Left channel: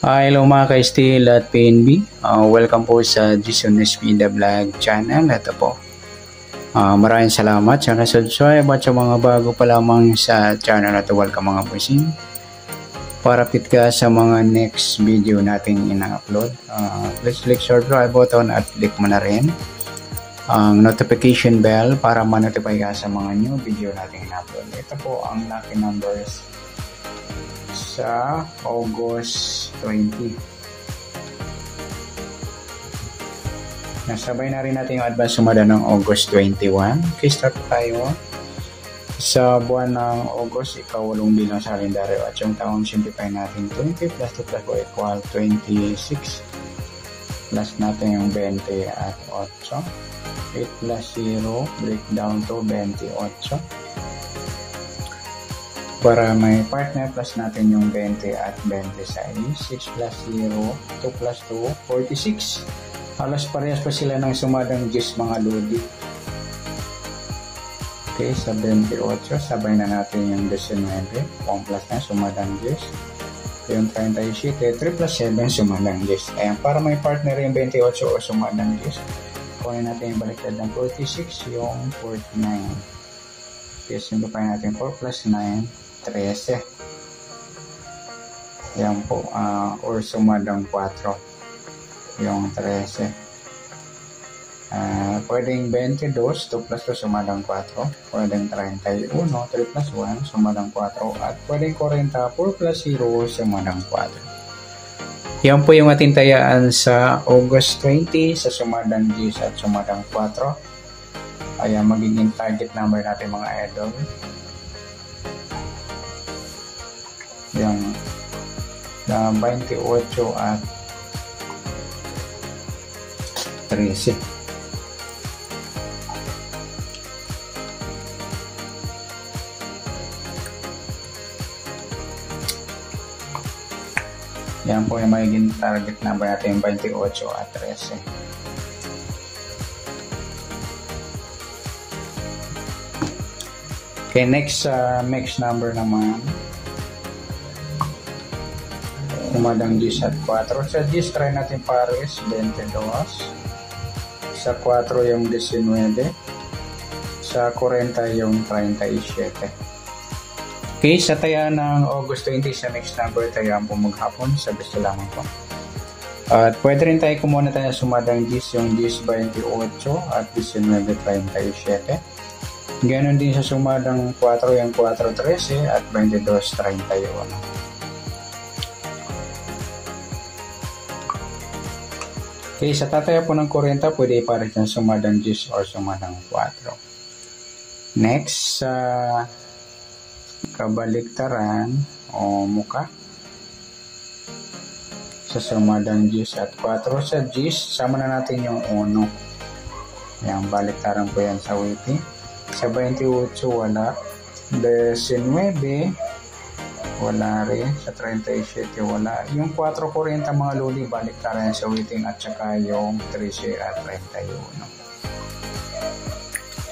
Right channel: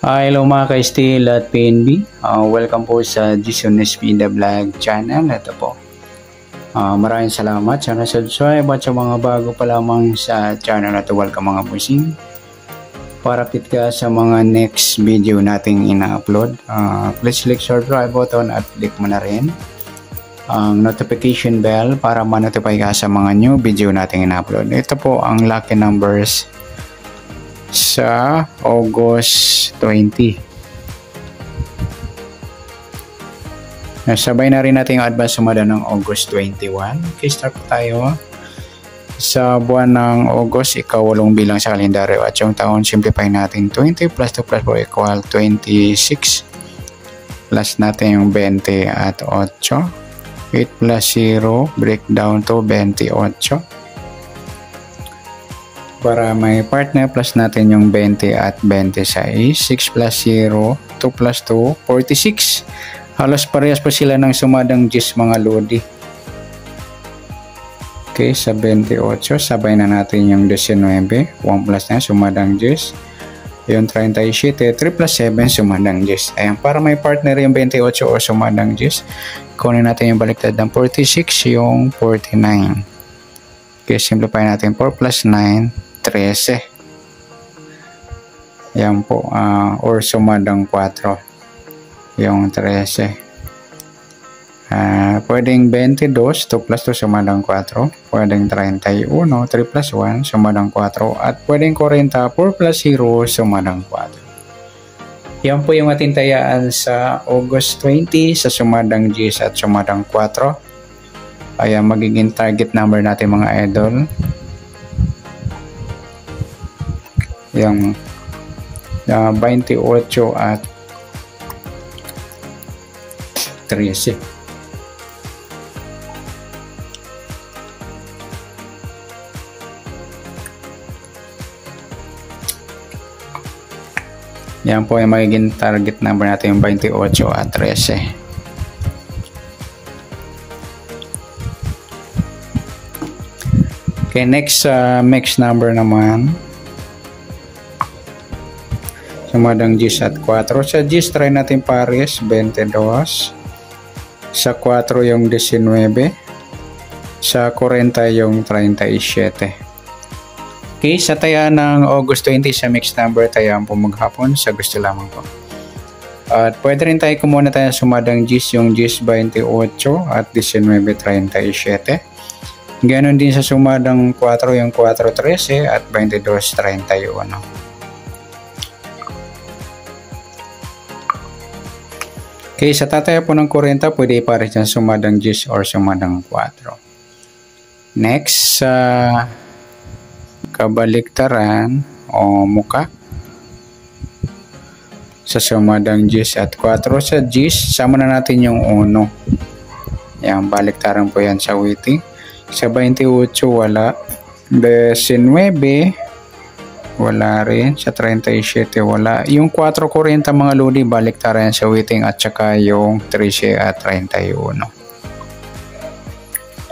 Hello mga ka-Steel at PNB. Welcome po sa Jason Espida Vlog channel. Ito po. Maraming salamat sa subscribe at sa mga bago pa lamang sa channel na ito. Welcome mga busing. Para update ka sa mga next video nating ina-upload, please click subscribe button at click mo na rin ang notification bell para ma-notify ka sa mga new video nating ina-upload. Ito po ang lucky numbers sa August 20. Nasabay na rin natin yung advance sumada ng August 21. Okay, start tayo. Sa buwan ng August, ika-8 bilang sa kalendaryo at yung taon, simplify natin 20 plus 2 plus 4 equal 26. Plus natin yung 20 at 8. 8 plus 0, breakdown to 28. Para may partner, plus natin yung 20 at 26. 6 plus 0, 2 plus 2, 46. Halos parehas pa sila ng sumadang 10 mga lodi. Okay, sa 28, sabay na natin yung 19. 1 plus na, sumadang 10. Yung 37, 3 plus 7, sumadang 10. Ayan, para may partner yung 28 o sumadang 10, kunin natin yung baliktad ng 46, yung 49. Okay, simplify natin 4 plus 9, 13. Yan po, or sumadang 4 yung 13. Pwedeng 22, 2 plus 2 sumadang 4. Pwedeng 31, 3 plus 1 sumadang 4. At pwedeng 40, 4 plus 0 sumadang 4. Yan po yung ating tayaan sa August 20 sa sumadang 10 at sumadang 4. Ayan, magiging target number natin mga idol. Yung 28 at 13. Yan po yung magiging target number natin, yung 28 at 13. Okay, next number naman. Sumadang 10 at 4. Sa 10, try natin pares, 22. Sa 4 yung 19. Sa 40 yung 37. Okay, sa taya ng August 20 sa mixed number, tayaan po maghapon sa gusto lamang po. At pwede rin tayo kumuna tayo sumadang 10, yung 10, 28 at 19, 37. Ganon din sa sumadang 4, yung 4, 13 at 22, 31. Okay, sa tataya po ng 40, pwede ipares dyan sumadang 10 or sumadang 4. Next, kabaliktaran o muka. Sa sumadang 10 at 4, sa 10, sama na natin yung 1. Yan, baliktaran po yan sa waiting. Sa 28, wala. 19, wala rin. Sa 37, wala. Yung 440 mga lodi, baliktaran sa waiting at saka yung 13 at 31.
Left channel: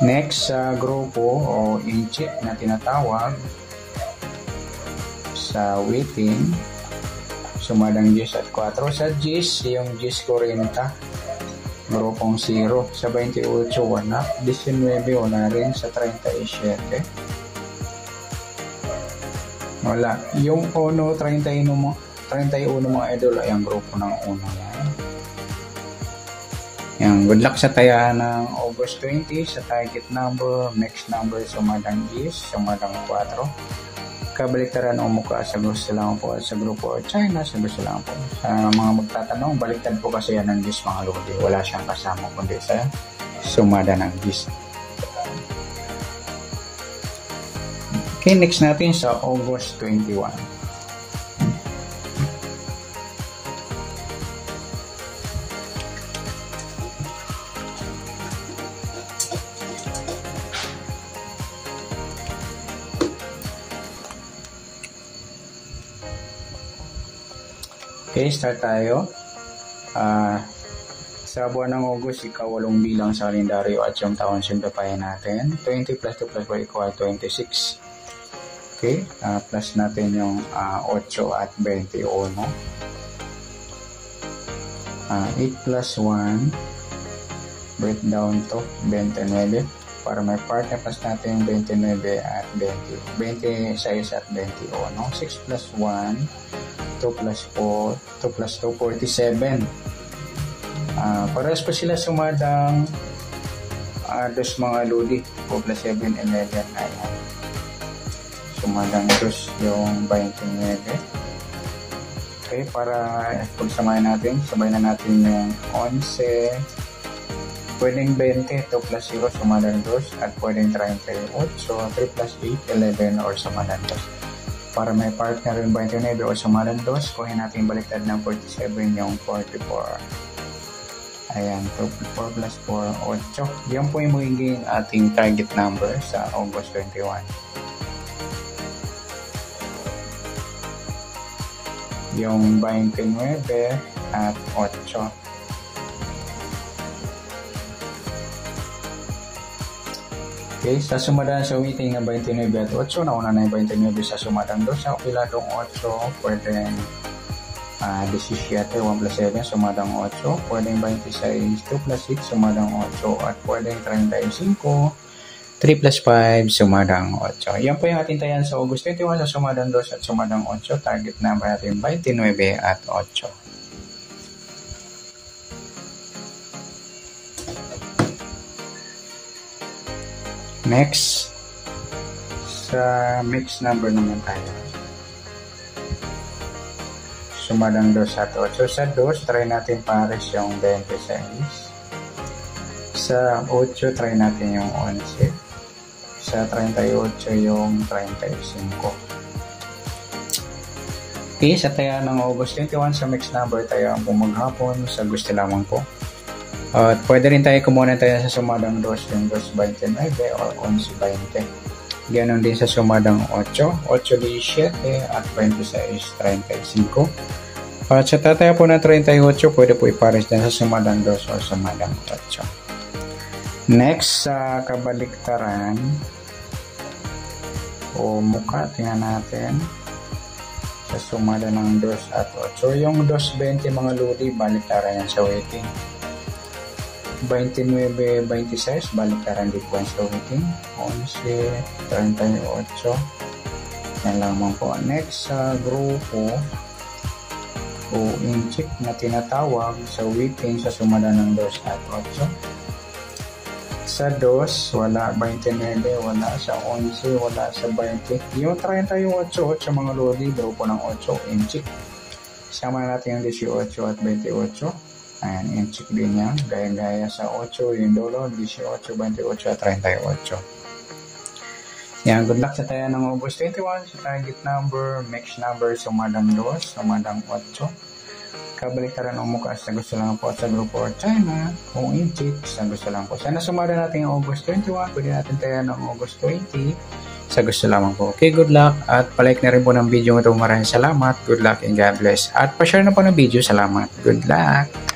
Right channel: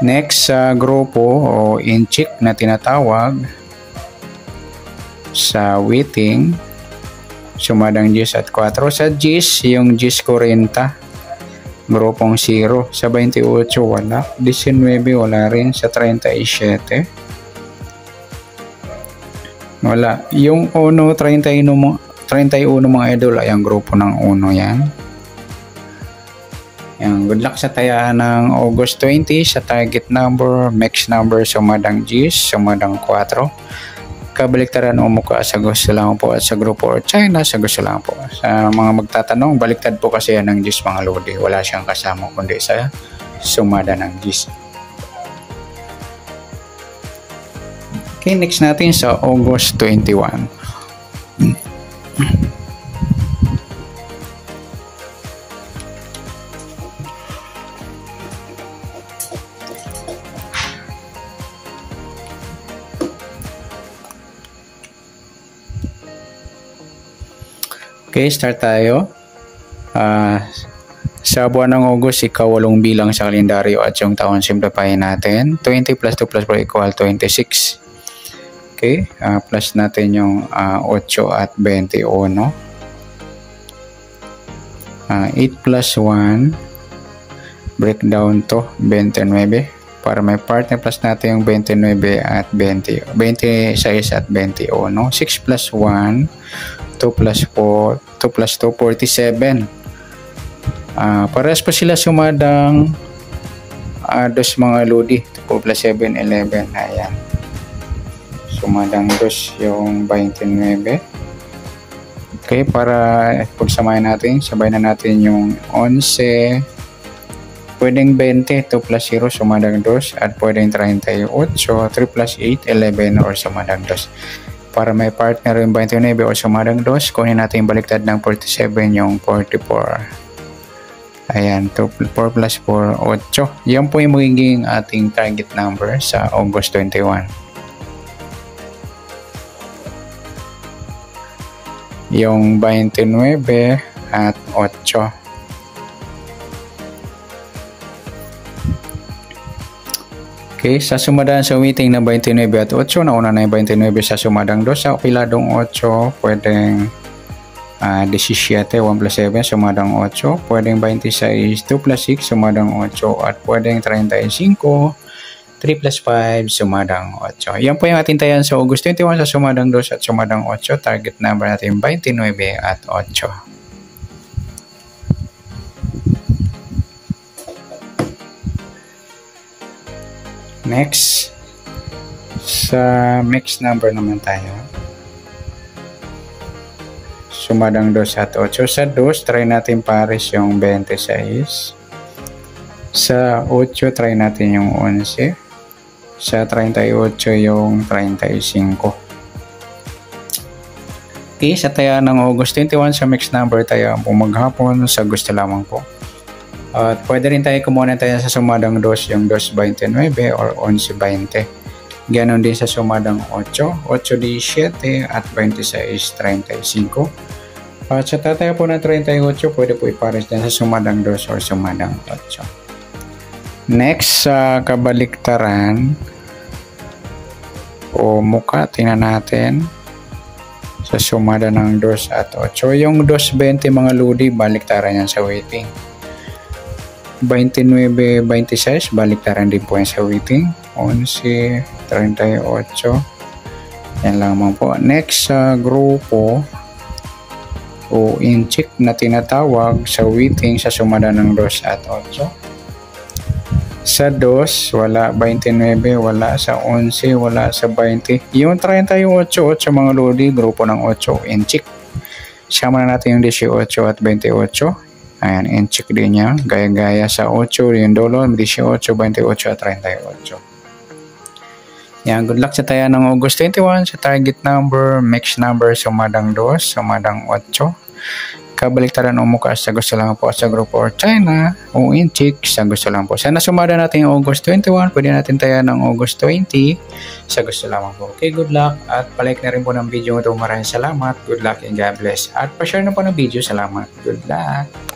Next, sa grupo o inchik na tinatawag, sa waiting, sumadang 10 at 4. Sa 10, yung 10-40, grupong 0. Sa 28, wala. 19, wala rin. Sa 37, wala. Yung 1, 31 mga idol ay ang grupo ng 1 yan. Yan. Good luck sa taya ng August 20 sa target number, mixed number, sumadang 10, sumadang 4. Kabaliktaran o mukha sa gusto lang po at sa grupo or China sa gusto lang po. Sa mga magtatanong, baliktad po kasi yan ng 10 mga lodi. Wala siyang kasama kundi sa sumada ng 10. Okay, next natin sa August 21. Okay, start tayo. Sa buwan ng August, ika-8 bilang sa kalendaryo at yung taon, simplify natin. 20 plus 2 plus 4 equal 26. Okay, plus natin yung 8 at 21. 8 plus 1 breakdown to 29 para may partner plus natin yung 29 at 20, 26 at 21. 6 plus 1, 2 plus 4, 2 plus 2, 47. Parehas pa sila sumadang dos mga lodi. 2 plus 7, 11. Ayan. Sumadang dos yung 29. Okay, para pagsamahin natin, sabay na natin yung 11. Pwedeng 20, 2 plus 0, sumadang 2. At pwedeng 38, 3 plus 8, 11 or sumadang 2. Para may partner yung 29 o sumadang 2, kunin natin yung baliktad ng 47, yung 44. Ayan, 4 plus 4, 8. Yan po yung magiging ating target number sa August 21. Yung 29 at 8. Okay, sa sumadaan sa waiting na 29 at 8, nauna na yung 29 sa sumadang 2. Sa piladong 8, pwedeng 17, 1 plus 7, sumadang 8. Pwedeng 26, 2 plus 6, sumadang 8. At pwedeng 35, 3 plus 5, sumadang 8. Yan po yung ating tayan sa August 21 sa sumadang 2 at sumadang 8. Target number natin 29 at 8. Next, sa mixed number naman tayo. Sumadang 2 at 8. Sa 2, try natin pares yung 26. Sa 8, try natin yung 11. Sa 38 yung 35. Okay, sa taya ng August 21 sa mixed number tayo ang maghapon sa gusto lamang po. At pwede rin tayo kumuha tayo sa sumadang 2 yung 2.29 or 11.20. Ganon din sa sumadang 8, 8.17 at 26.35. At sa tataya po na 38, pwede po ipares dyan sa sumadang 2 or sumadang 8. Next, sa kabaliktaran o muka, tingnan natin sa sumada ng 2 at 8. Yung 2.20 mga lodi, baliktaran yan sa waiting. 29, 26, baliktaran din po yan sa waiting. 11, 38. Yan lamang po. Next, sa grupo o inchik na tinatawag sa waiting sa sumada ng 2 at 8. Sa 2, wala. 29, wala. Sa 11, wala. Sa 20. Yung 38, 8 mga lodi, grupo ng 8, inchik. Sama na natin yung 18 at 28. Ayan, inchik din yan. Gaya-gaya sa 8, yung dolo, 18, 28 at 38. Yan, good luck sa tayo ng August 21 sa target number, mixed number, sumadang 2, sumadang 8. Kabaliktaran o mukha sa gusto lang po sa grupo or China o inchik sa gusto lang po. Sana sumada natin yung August 21. Pwede natin tayo ng August 20 sa gusto lamang po. Okay, good luck at palike na rin po ng video ito. Maraming salamat. Good luck and God bless. At pa-share na po ng video. Salamat. Good luck.